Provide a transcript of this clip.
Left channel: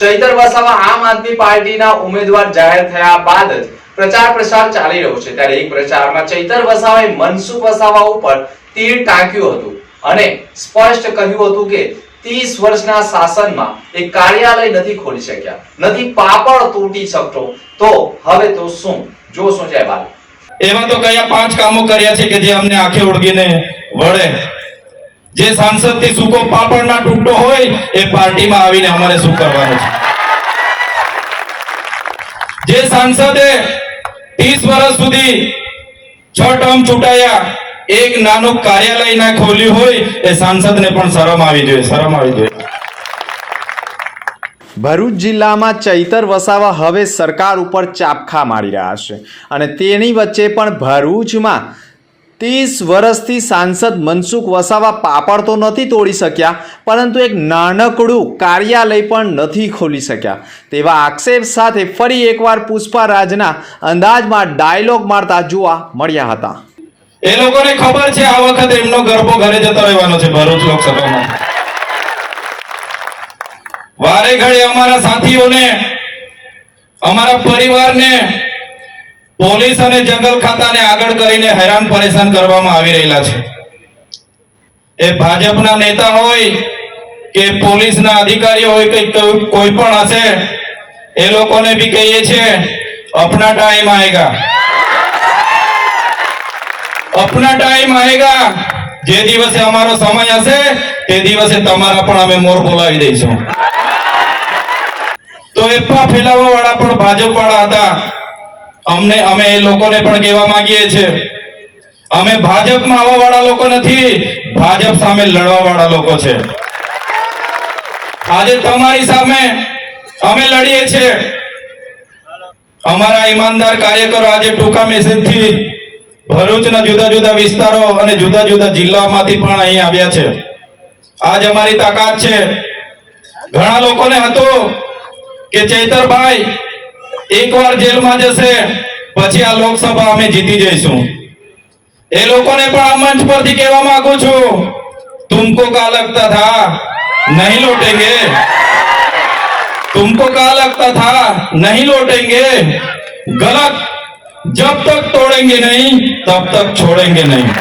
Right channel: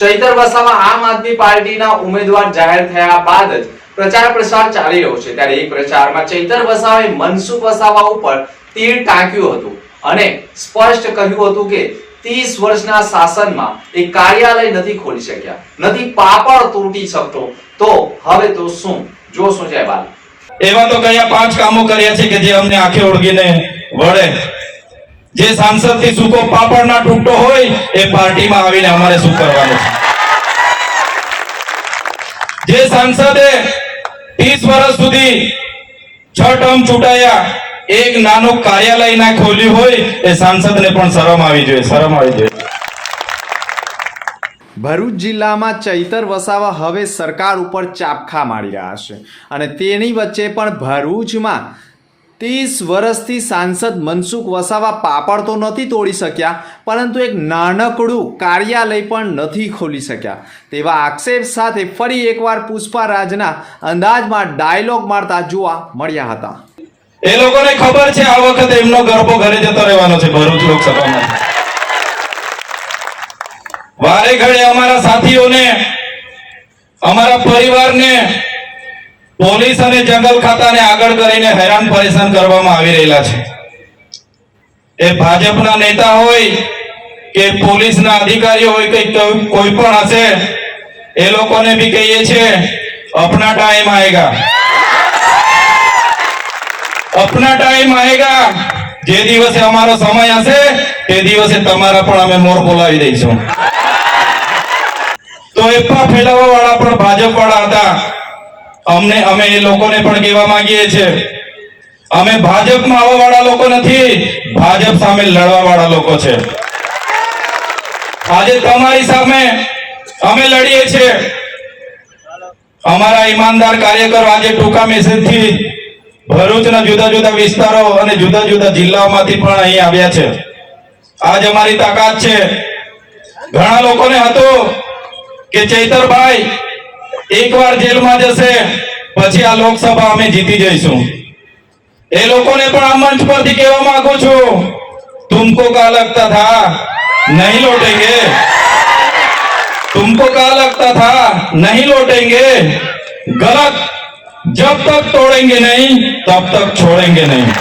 ચૈતર વસાવા આમ આદમી પાર્ટીના ઉમેદવાર જાહેર થયા બાદ જ પ્રચાર પ્રસાર ચાલી રહ્યો છે. ત્યારે એક પ્રચારમાં ચૈતર વસાવાએ મનસુખ વસાવા ઉપર તીર ટાંક્યું હતું અને સ્પષ્ટ કહ્યું હતું કે ત્રીસ વર્ષના શાસનમાં એ કાર્યાલય નથી ખોલી શક્યા, નથી પાપડ તૂટી શકતો. તો હવે તો શું? જોશું છે બાલ. એવા તો કયા પાંચ કામો કર્યા છે કે જે અમને આંખે ઓળગીને વળે? જે સાંસદથી સૂકો પાપડ ના તૂટતો હોય, એ પાર્ટીમાં આવીને અમારે શું કરવાનું છે? જે સાંસદે ત્રીસ વર્ષ સુધી છ ટર્મ ચૂંટાયા, એક નાનું કાર્યાલય ના ખોલ્યું હોય, એ સાંસદને પણ શરમ આવી જોઈએ, શરમ આવી જોઈએ. ભરૂચ જિલ્લામાં ચૈતર વસાવા હવે સરકાર ઉપર ચાપખા મારી રહ્યા છે. અને તેની વચ્ચે પણ ભરૂચમાં ત્રીસ વર્ષથી સાંસદ મનસુખ વસાવા પાપડ તો નથી તોડી શક્યા, પરંતુ એક નાનકડું કાર્યાલય પણ નથી ખોલી શક્યા. તેવા આક્ષેપ સાથે ફરી એકવાર પુષ્પારાજના અંદાજમાં ડાયલોગ મારતા જોવા મળ્યા હતા. એ લોકોને ખબર છે, આ વખતે એમનો ગરબો ઘરે જતો રહેવાનો છે, ભરૂચ લોકસભામાં. વારે ઘડે અમારા સાથીઓને, અમારા પરિવારને પોલીસ અને જંગલ ખાતાને આગળ કરીને હેરાન પરેશાન કરવામાં આવી રહેલા છે. એ ભાજપના નેતા હોય કે પોલીસના અધિકારી હોય કે કોઈ પણ હશે, એ લોકોને બી કહીએ છે અપના ટાઈમ આવેગા અપના ટાઈમ આएगा જે દિવસે અમારો સમય હશે, તે દિવસે તમારા પણ અમે મોર બોલાવી દઈશું. તો એ પણ ફેલાવવા વાળા પણ ભાજપ વાળા હતા. અમને, અમે એ લોકોને પણ કહેવા માંગીએ છીએ. અમે ભાજપમાં આવવા વાળા લોકો નથી, ભાજપ સામે લડવા વાળા લોકો છે. આજે તમારી સામે અમે લડીએ છીએ. અમારા ઈમાનદાર કાર્યકરો આજે ટૂંકા મેસેજથી ભરૂચના જુદા જુદા વિસ્તારો અને જુદા જુદા જિલ્લાઓમાંથી પણ અહીં આવ્યા છે. આજ અમારી તાકાત છે. ઘણા લોકોને હતું કે ચૈતરભાઈ એકવાર જેલમાં જશે પછી આ લોકસભા અમે જીતી જઈશું એ લોકોને પણ આ મંચ પરથી કહેવા માંગુ છું तुमको क्या लगता था नहीं लौटेंगे तुमको क्या लगता था नहीं लौटेंगे गलत जब तक तोड़ेंगे नहीं तब तक छोड़ेंगे नहीं